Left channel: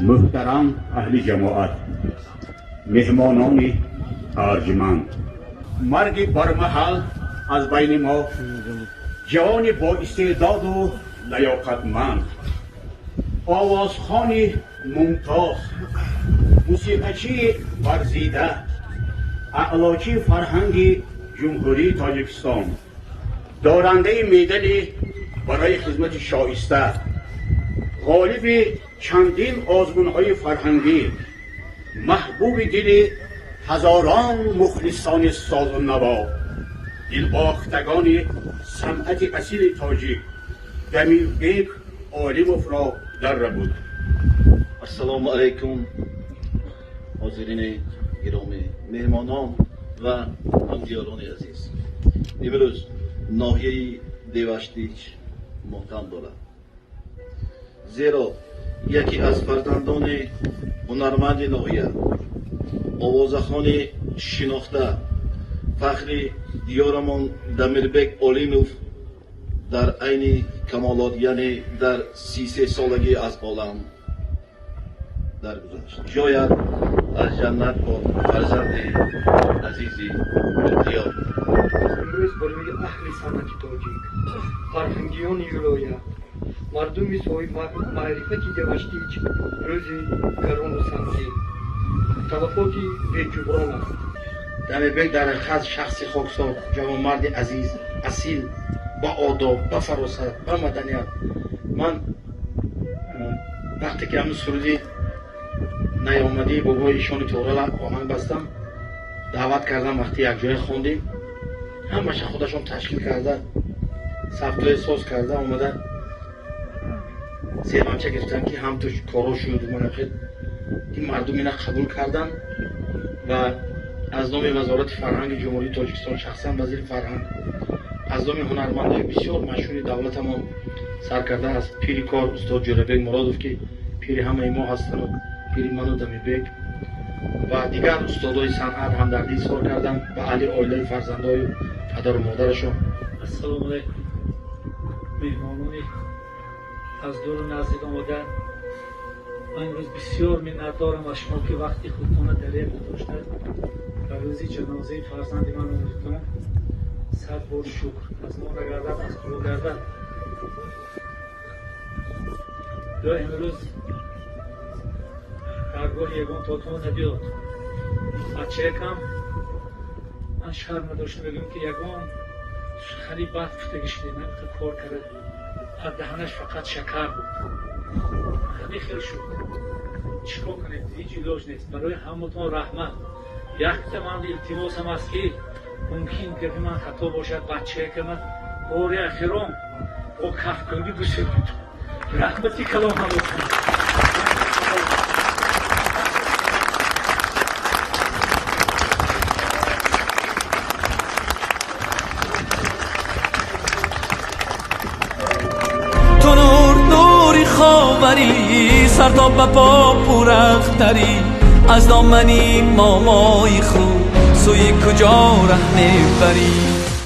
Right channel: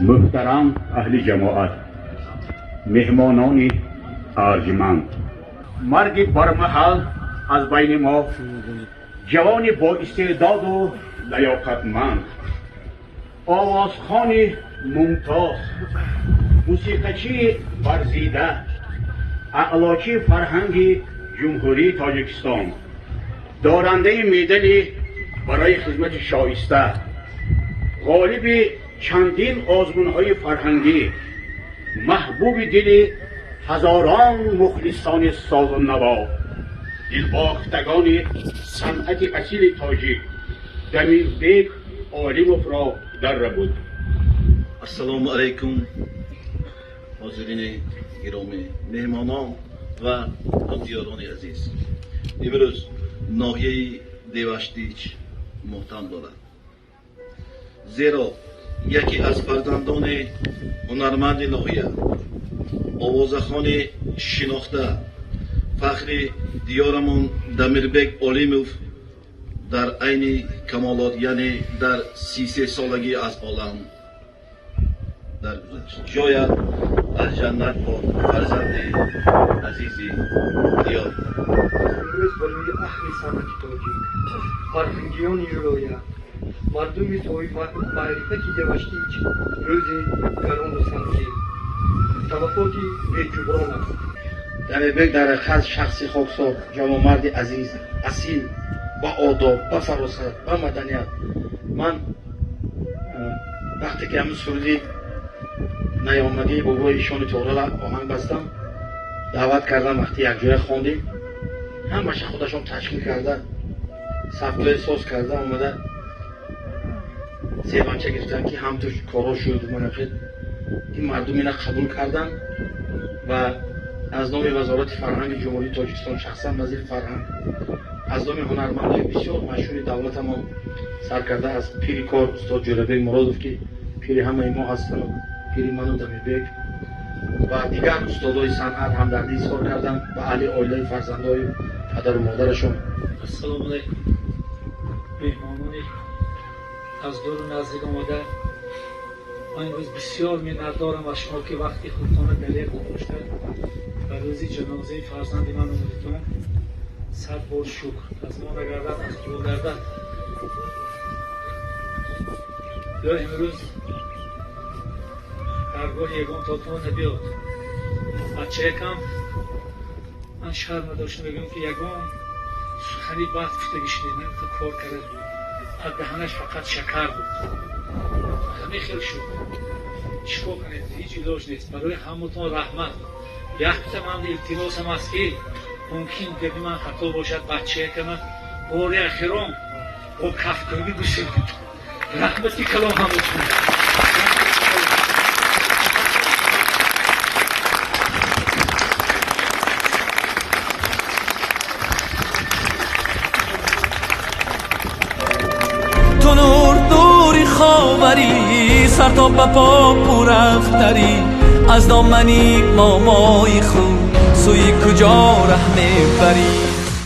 محترم اهل جماعت، مهمانان ارجمند، مرگ برمحل از بین ما جوان با استعداد و لیاقتمند، آوازخوان ممتاز، موسیقیچی ورزیده، اعلاچی فرهنگ جمهوری تاجیکستان، دارنده مدال برای خدمت شایسته، غالب چندین آزمون‌های فرهنگی، محبوب دل هزاران مخلصان ساز و نوا، دلباختگان صنعت اصیل تاجیک، دمی بیگ عالم را در بود. السلام علیکم حاضرین گرامی، مهمانان و همدیاران عزیز. امروز ناحیه دیوشتیچ مهتم دارد، زیرا یکی از فرزندان هنرمند ناحیه، آوازخوان شناخته، فخر دیارمان دمیربک عالموف در عین کمالات، یعنی در 33 سالگی از عالم درگذشت. شاید از جنت با فرزند عزیزی دیار. امروز برای اهل صنعت تاجیک، فرهنگیان ولایت، مردم صاحب معرفت دیوشتیچ روز گران و سنگین، توفاتی بی‌جبران است. دمیربک در حقیقت شخصی خاکسار، جوانمرد عزیز، اصیل، با آداب، با فراست، با مدنیت. من وقتی که همون سرودی نیامدی بابا ایشان تورا آهنگ بستم، دعوت کردم، وقتی یک جای خواندیم همش خودشون تشکیل کرده، سبکای ساز کرده، آمده سیمانچه گرفتن که هم توش کارا شد. من خیلی این مردم اینا قبول کردم و از نام وزارت فرهنگ جمهوری تاجیکستان شخصا وزیر فرهنگ، از نام هنرمندای بسیار مشهور دولت ما سرکرده از پیری کار استاد جلبک مرادوف که پیری همه ما هستن، پیری منو دمیربک و دیگر استادای صنعت همدردی اظهار کردن و علی عائله فرزندای پدر و مادرشون. السلام علیکم. مهمانانی از دور و نزدیک آمده، من امروز بسیار منتدارم از شما که وقتی خودتان دلیل نداشته و روزی جنازه فرزند من آمدیدتان. صد بار شکر از ما نگردد، از دور گردد. یا امروز درگاه یگان تاتون نبیاد. بچه یکم من شرم نداشتم بگم که یگان خیلی وقت گشته تو کار کرده بود، از دهنش فقط شکر بود. خیلی شد چیکار کنید، هیچ علاج نیست. برای همتون رحمت یک من التماس هم است که ممکن که من خطا باشد، بچه که من بار اخیرام با کفتگی دوست رحمتی کلام همتون. خاوری، سر تا به پا پورختری، از دامنی مامای خود سوی کجا ره میبری؟